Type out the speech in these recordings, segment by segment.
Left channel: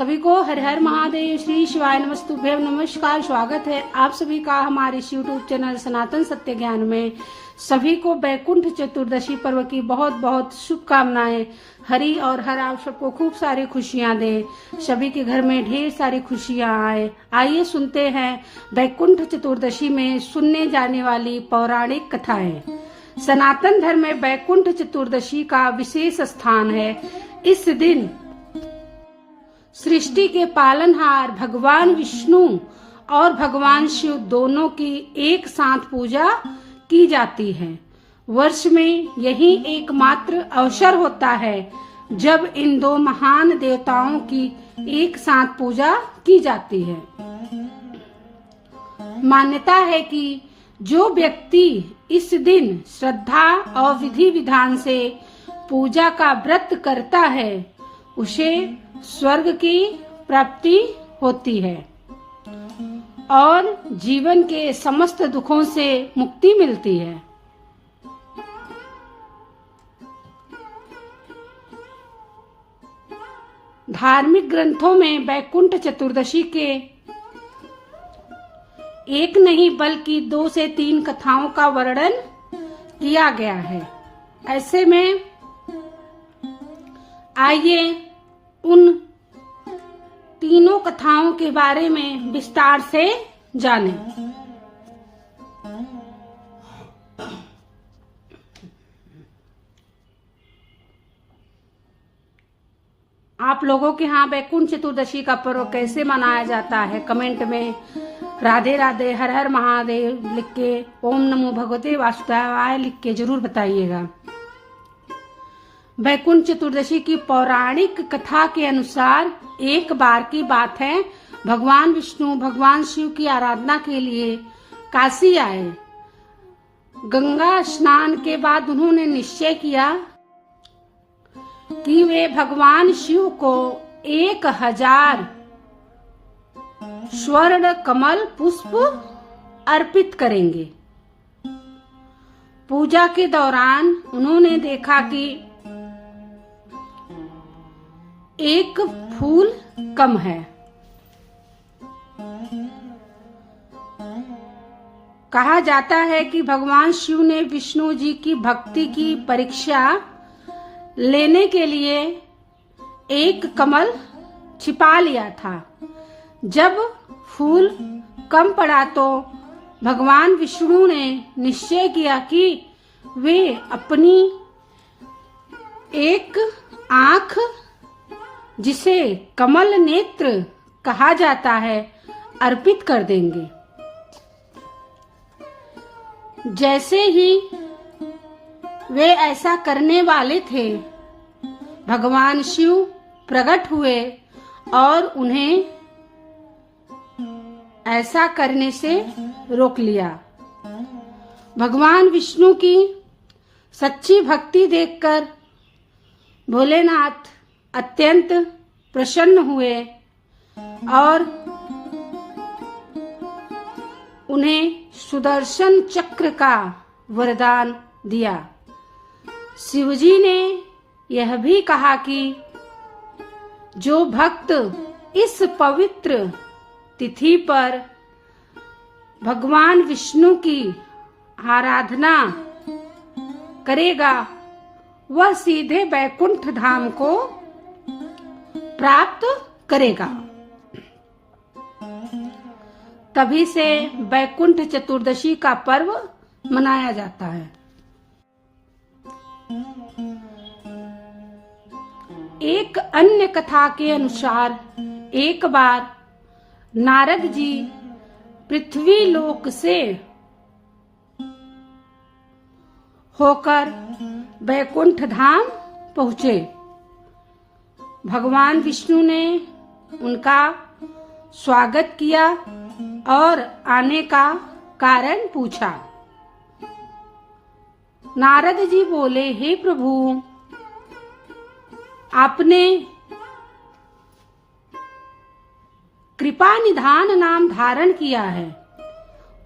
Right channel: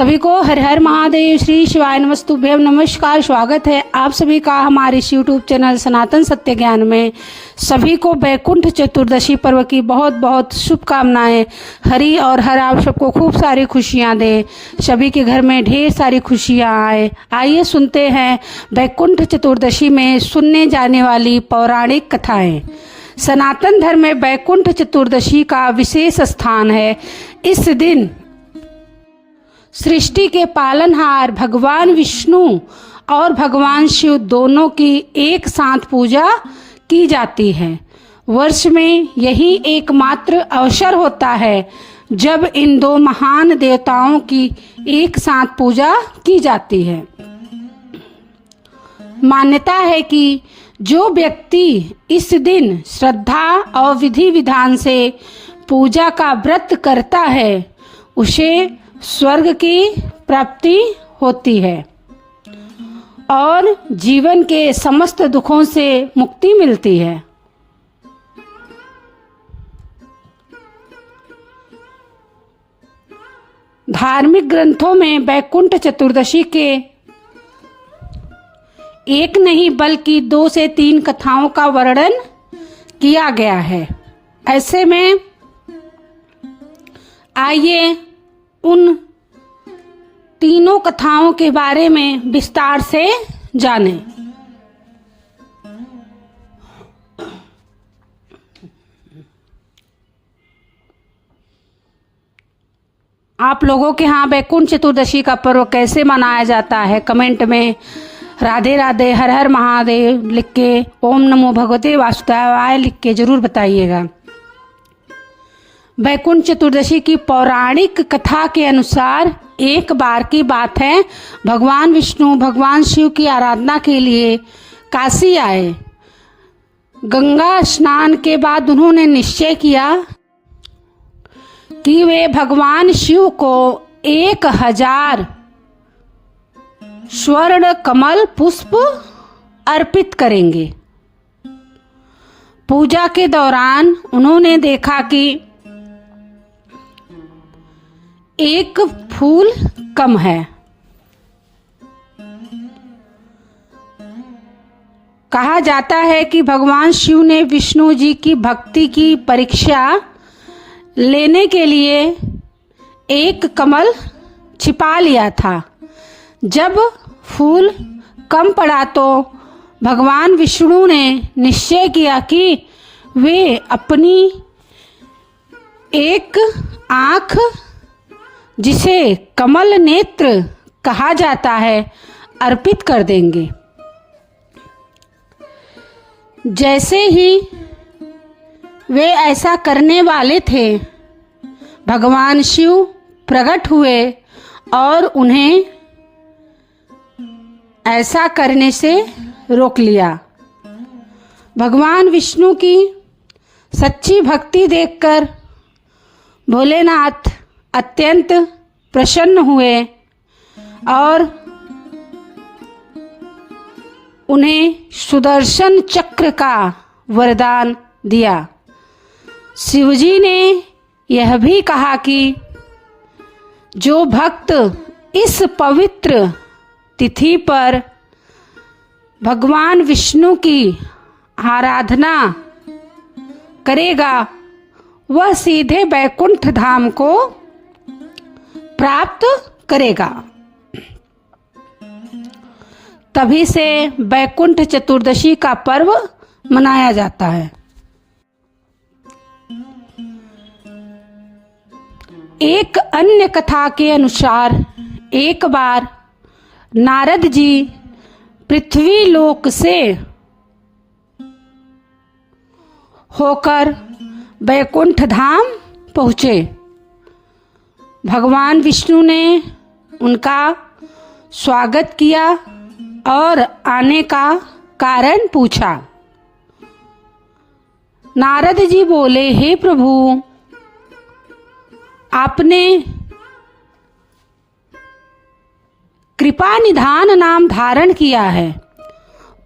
सभी को हर हर महादेव, श्री शिवाय नमस्तुभ्यम। नमस्कार, स्वागत है आप सभी का हमारे इस यूट्यूब चैनल सनातन सत्य ज्ञान में। सभी को वैकुंठ चतुर्दशी पर्व की बहुत बहुत शुभकामनाएं। हरि और हर आप सबको खूब सारी खुशियां दे, सभी के घर में ढेर सारी खुशियां आए। आइए सुनते हैं वैकुंठ चतुर्दशी में सुनने जाने वाली पौराणिक कथाएं। सनातन धर्म में वैकुंठ चतुर्दशी का विशेष स्थान है। इस दिन सृष्टि के पालनहार भगवान विष्णु और भगवान शिव दोनों की एक साथ पूजा की जाती है। वर्ष में यही एकमात्र अवसर होता है जब इन दो महान देवताओं की एक साथ पूजा की जाती है। मान्यता है कि जो व्यक्ति इस दिन श्रद्धा और विधि विधान से पूजा का व्रत करता है उसे स्वर्ग की प्राप्ति होती है और जीवन के समस्त दुखों से मुक्ति मिलती है। धार्मिक ग्रंथों में वैकुंठ चतुर्दशी के एक नहीं बल्कि 2 से 3 कथाओं का वर्णन किया गया है। ऐसे में आइए उन तीनों कथाओं के बारे में विस्तार से जानें। आप लोगों के यहाँ वैकुंठ चतुर्दशी का पर्व कैसे मनाया जाता है? कमेंट में राधे राधे, हर हर महादेव लिख के, ओम नमो भगवते वासुदेवाय लिख के जरूर बताइएगा। वैकुंठ चतुर्दशी की पौराणिक कथा के अनुसार एक बार की बात है, भगवान विष्णु भगवान शिव की आराधना के लिए काशी आए। गंगा स्नान के बाद उन्होंने निश्चय किया कि वे भगवान शिव को 1000 स्वर्ण कमल पुष्प अर्पित करेंगे। पूजा के दौरान उन्होंने देखा कि एक फूल कम है। कहा जाता है कि भगवान शिव ने विष्णु जी की भक्ति की परीक्षा लेने के लिए एक कमल छिपा लिया था। जब फूल कम पड़ा तो भगवान विष्णु ने निश्चय किया कि वे अपनी एक आँख, जिसे कमल नेत्र कहा जाता है, अर्पित कर देंगे। जैसे ही वे ऐसा करने वाले थे, भगवान शिव प्रकट हुए और उन्हें ऐसा करने से रोक लिया। भगवान विष्णु की सच्ची भक्ति देखकर भोलेनाथ अत्यंत प्रसन्न हुए और उन्हें सुदर्शन चक्र का वरदान दिया। शिवजी ने यह भी कहा कि जो भक्त इस पवित्र तिथि पर भगवान विष्णु की आराधना करेगा वह सीधे वैकुंठ धाम को प्राप्त करेगा। तभी से वैकुंठ चतुर्दशी का पर्व मनाया जाता है। एक अन्य कथा के अनुसार एक बार नारद जी पृथ्वी लोक से होकर वैकुंठ धाम पहुँचे। भगवान विष्णु ने उनका स्वागत किया और आने का कारण पूछा। नारद जी बोले, हे प्रभु, आपने कृपा निधान नाम धारण किया है,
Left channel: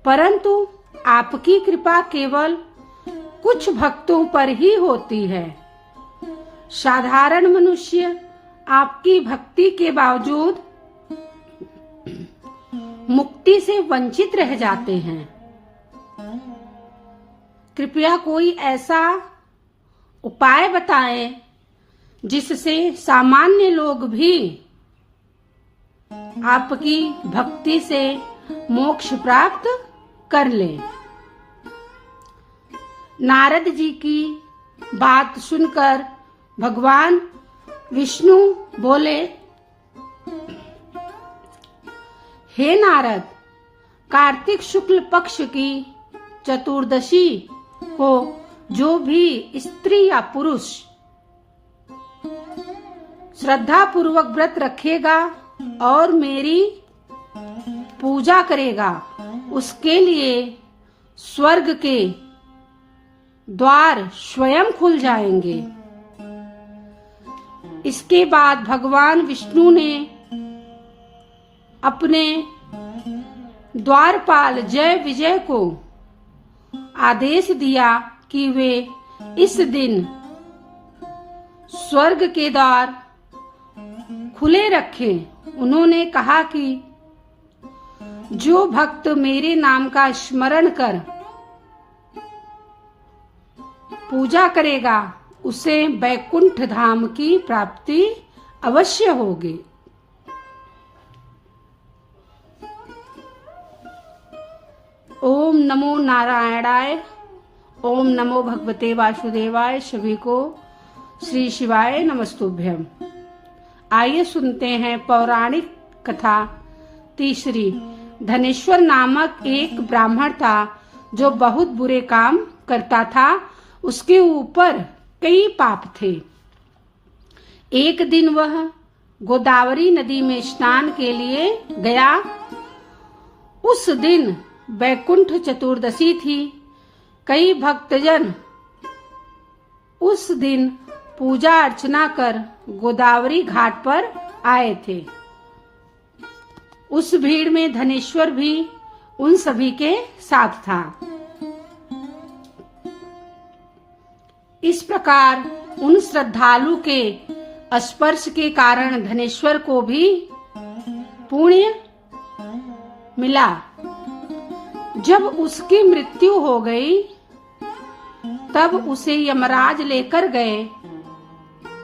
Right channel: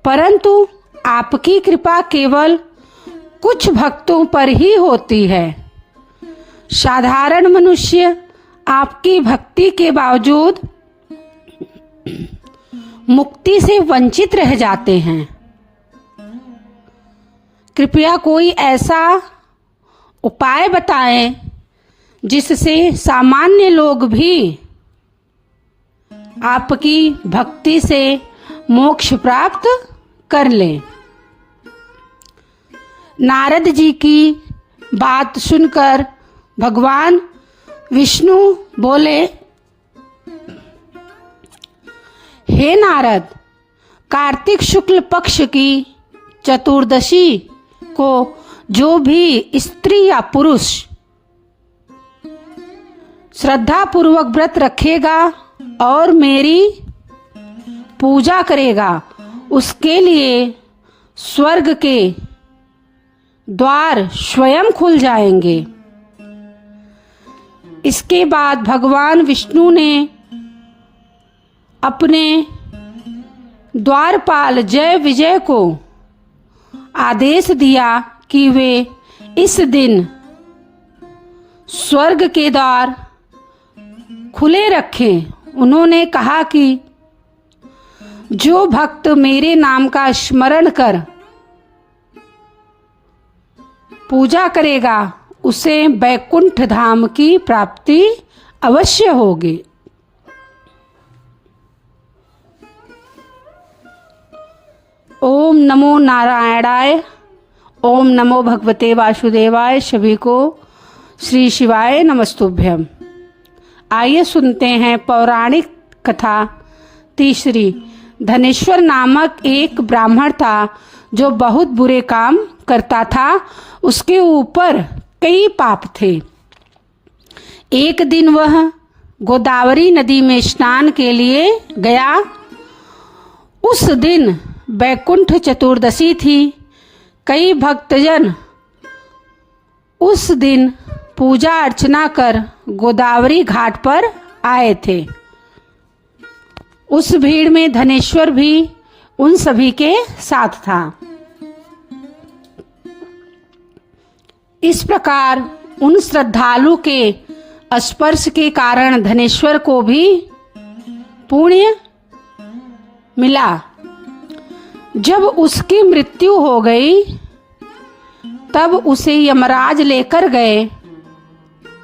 परंतु आपकी कृपा केवल कुछ भक्तों पर ही होती है। साधारण मनुष्य आपकी भक्ति के बावजूद मुक्ति से वंचित रह जाते हैं। कृपया कोई ऐसा उपाय बताएं जिससे सामान्य लोग भी आपकी भक्ति से मोक्ष प्राप्त कर लें। नारद जी की बात सुनकर भगवान विष्णु बोले, हे नारद, कार्तिक शुक्ल पक्ष की चतुर्दशी को जो भी स्त्री या पुरुष श्रद्धा पूर्वक व्रत रखेगा और मेरी पूजा करेगा, उसके लिए स्वर्ग के द्वार स्वयं खुल जाएंगे। इसके बाद भगवान विष्णु ने अपने द्वारपाल जय विजय को आदेश दिया कि वे इस दिन स्वर्ग के द्वार खुले रखें। उन्होंने कहा कि जो भक्त मेरे नाम का स्मरण कर पूजा करेगा उसे बैकुंठ धाम की प्राप्ति अवश्य होगी। ओम नमो नारायणाय, ओम नमो भगवते वासुदेवाय। सभी को श्री शिवाय नमस्तुभ्यम। आइए सुनते हैं पौराणिक कथा तीसरी। धनेश्वर नामक एक ब्राह्मण था जो बहुत बुरे काम करता था। उसके ऊपर कई पाप थे। एक दिन वह गोदावरी नदी में स्नान के लिए गया। उस दिन बैकुंठ चतुर्दशी थी। कई भक्तजन उस दिन पूजा अर्चना कर गोदावरी घाट पर आए थे। उस भीड़ में धनेश्वर भी उन सभी के साथ था। इस प्रकार उन श्रद्धालु के स्पर्श के कारण धनेश्वर को भी पुण्य मिला। जब उसकी मृत्यु हो गई तब उसे यमराज लेकर गए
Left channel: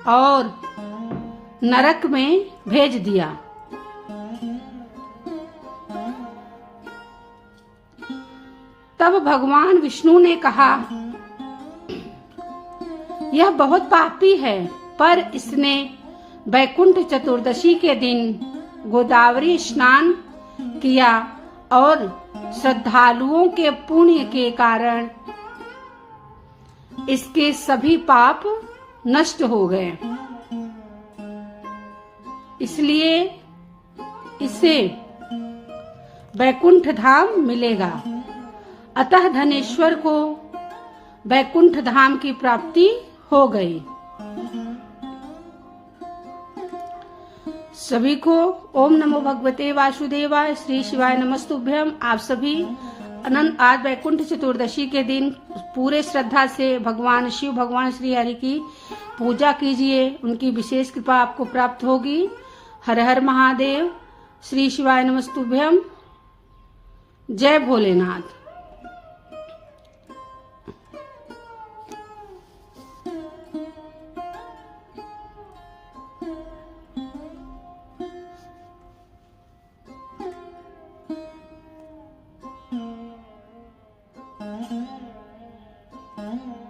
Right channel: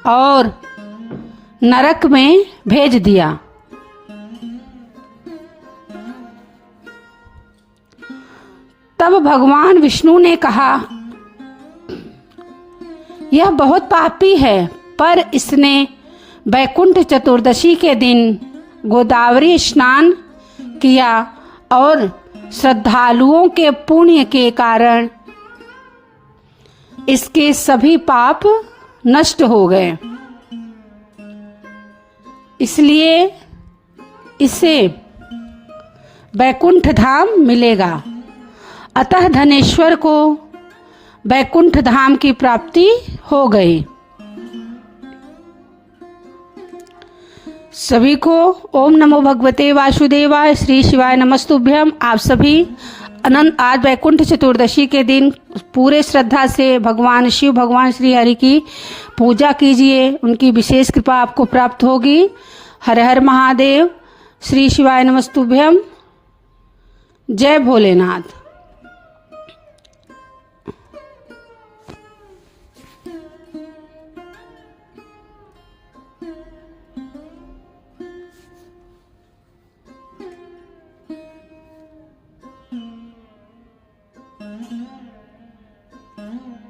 और नरक में भेज दिया। तब भगवान विष्णु ने कहा, यह बहुत पापी है, पर इसने बैकुंठ चतुर्दशी के दिन गोदावरी स्नान किया और श्रद्धालुओं के पुण्य के कारण इसके सभी पाप नष्ट हो गए। इसलिए इसे बैकुंठ धाम मिलेगा। अतः धनेश्वर को बैकुंठ धाम की प्राप्ति हो गई। सभी को ओम नमो भगवते वासुदेवाय। श्री शिवाय नमस्तुभ्यम। आप सभी अनंत आज बैकुंठ चतुर्दशी के दिन पूरे श्रद्धा से भगवान शिव, भगवान श्री हरि की पूजा कीजिए। उनकी विशेष कृपा आपको प्राप्त होगी। हर हर महादेव। श्री शिवाय नमस्तुभ्यम। जय भोलेनाथ। Mm-hmm.